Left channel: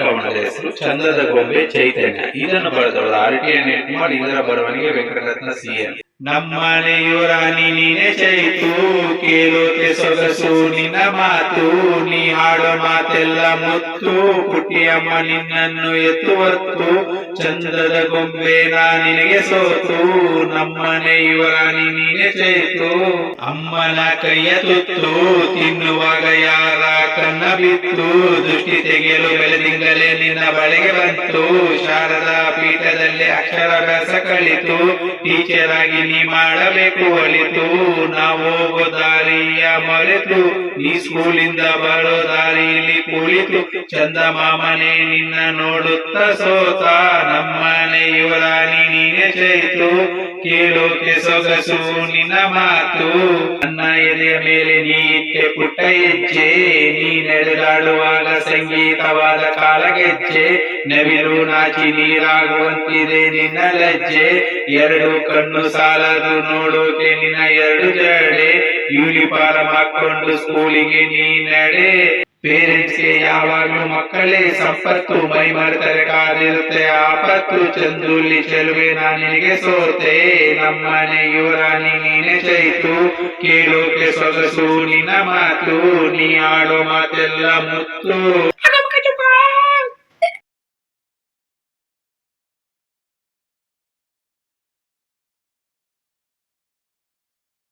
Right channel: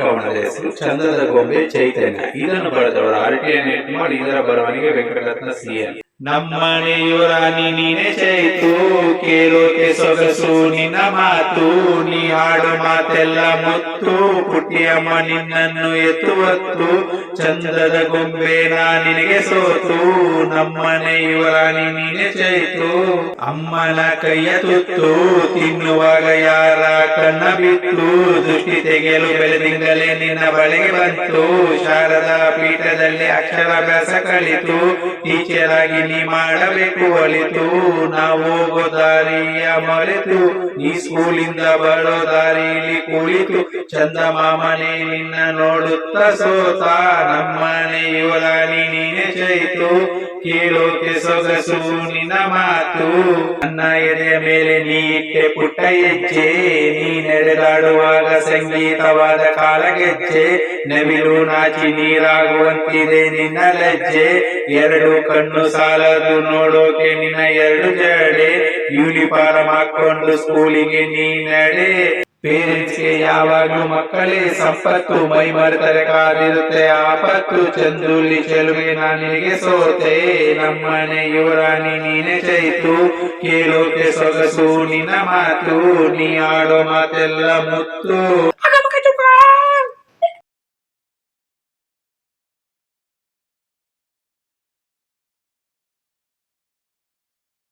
ಕವನದ ಹೆಸರು ಚಂದದ ಗೊಂಬೆ ಚೈತನ್ಯ. ಇದನ್ನು ಬರೆದವರು RTN ಕುಮಾರ್. ಇದರ ಬರವಣಿಗೆ ವೆಂಕಟರತ್ನ CN. ನಮ್ಮನೆಯು ರಾಣಿ ನೀನೆ ಚೈತು, ಕೇಳೋಕೆ ಸೊಗಸು ನಿನ್ನ ಮಾತು, ನೀ ಹಾಡು ಮಾತೆಲ್ಲ ಮುತ್ತು, ಪುಟ್ಟಿಯಮ್ಮ ನಿನ್ನನ್ನು ಎತ್ತುವತ್ತು, ಚಂದದ ಗೊಂಬೆ ನಿನಗೆ ಸೋತು, ನಮ್ಮನೆಯು ರಾಣಿ ನೀನೆ ಚೈತು. ಅಮ್ಮನ ಕೈಯ ತುತ್ತು ತಿನ್ನುವಾಗ ಯಾರ ಕಣ್ಣ ಬಿತ್ತು, ದೃಷ್ಟಿ ತೆಗೆಯಲು ಬೆಳೆದಿಂದಲೇ ನಿನ್ನ ಬಳಿಗೆ ಬಂತು, ಶಾರದಾ ಪೀಠದಲ್ಲಿ ಅಕ್ಷರಾಭ್ಯಾಸ ಕಲಿತು, ಟೀಚರ್ ಆಗಿ ನೀ ಮಾಡಬೇಕು ಒಳಿತು, ನಾವು ಹೋಗೋ ದಾರಿಯ ಮರೆತು, ನೀ ಸ್ಕೂಲಿಂದ ಬರೋ ದಾರಿಲಿ ಕುಳಿತು, ಚಂದ ಮಾಮನೆ ನಿನ್ನ ನೋಡುತ್ತ ಸೋತ, ನಮ್ಮನೆಯು ರಾಣಿ ನೀನೆ ಚೈತು, ಕೇಳೋಕೆ ಸೊಗಸು ನಿನ್ನ ಮಾತು, ನನ್ನ ಎದೆಯ ಮೇಲೆ ನೀ ಇಟ್ಟೆ ಪುಟ್ಟ ಹೆಜ್ಜೆ, ನೀ ನಡೆದಾಡುವಾಗ ಸಂಗೀತವಾದ ಕಾಲಗೆಜ್ಜೆ, ನವಿಲು ನಾಚಿ ನೀರಾಗುವಂತಿದೆ ನಿನ್ನ ಲಜ್ಜೆ, ಎರಡು ಕಣ್ಣು ಸಾಲದು ನೋಡೋಕೆ ನಿನ್ನ ಎರಡು ಜಡೆ, ಯೂನಿಫಾರ್ಮ್ ಹಾಕೊಂಡು ಸ್ಕೂಲಿಗೆ ನೀ ನಡೆ, ಪೇರೆಂಟ್ಸ್ಗೆ ಯಾವಾಗ್ಲೂ ಮಕ್ಕಳೇ ಸಂಪತ್ತು, ಮೈ ಮರೆತರೆ ಕಾದಿರುತ್ತೆ ಆಪತ್ತು, ಚಂದುಲಿ ಚೆಲುವೆ ನಿನಗೆ ಸೋತೆ, ನಮ್ಮನೆಯು ರಾಣಿ ನೀನೆ ಚೈತು, ಕೇಳೋಕೆ ಸೊಗಸು ನಿನ್ನ ಮಾತು, ನೀ ಆಡೋ ಮಾತೆಲ್ಲ ಮುತ್ತು.